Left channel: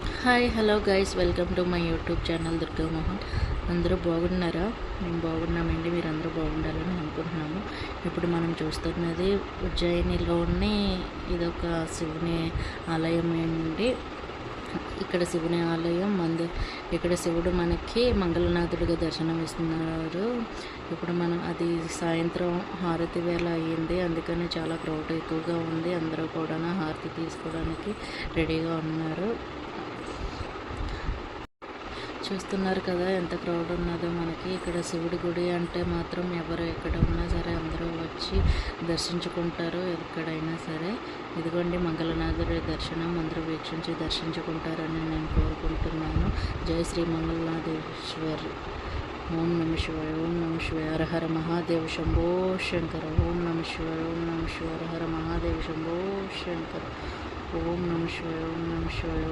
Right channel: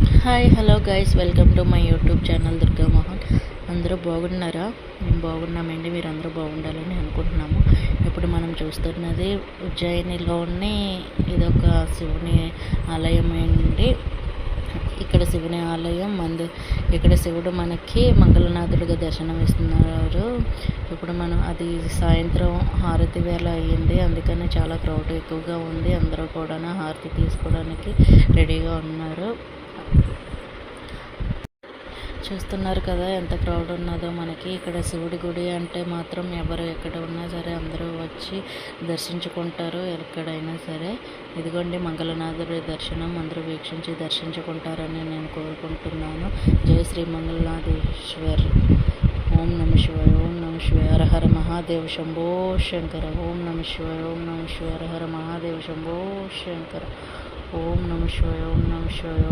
Hi hello guys, welcome to my YouTube channel Durga Mohan. అందరూ బాగున్నారా? మేము బాగున్నామండి. మీరు అందరూ బాగుండాలని అనుకుంటున్నాము. ఇప్పుడు మనం చూస్తున్నది ఉజ్జయినిలోని ఇదొక శివుని ఆలయం అండి. ఇక్కడ శివుని ఆలయం ఇక్కడ శివుడు మనకి మంగళనాథుడిగా దర్శనం ఇస్తున్నారు. ఇప్పుడు మనం అది సాయంత్రం హారతి వేళ అయ్యింది, అందుకని చాలా క్రౌడ్ ఎక్కువగా ఉంది. అందరూ కూడా హారతి తీసుకోవడానికి రెడీగా ఉన్నారు. చూస్తున్నారు కదా ఎంత క్రౌడ్ ఉన్నదో. మనకి ఇక్కడ శివుడి గుడి అంటే మాత్రం ఎవరు ఎక్కడ ఉన్నా సరే అందరూ వచ్చి దర్శించుకుంటారు ఎక్కడైనా సరే. ఇదిగోండి మంగళనాథుడి దర్శనం అందరూ వీక్షించి దర్శించుకుంటారని నేను కోరుకుంటున్నాను. జై శ్రీ మంగళనాథేశ్వర్. ఓం నమ శివాయ, ఓం నమ శివాయ, హర హర మహాదేవ శంభో శంకర. ఓం నమ శివాయ, ఓం నమ శివాయ, హర హర మహాదేవ శంభో శంకర. ఓం నమ శివాయ, ఓం నమ శివాయ.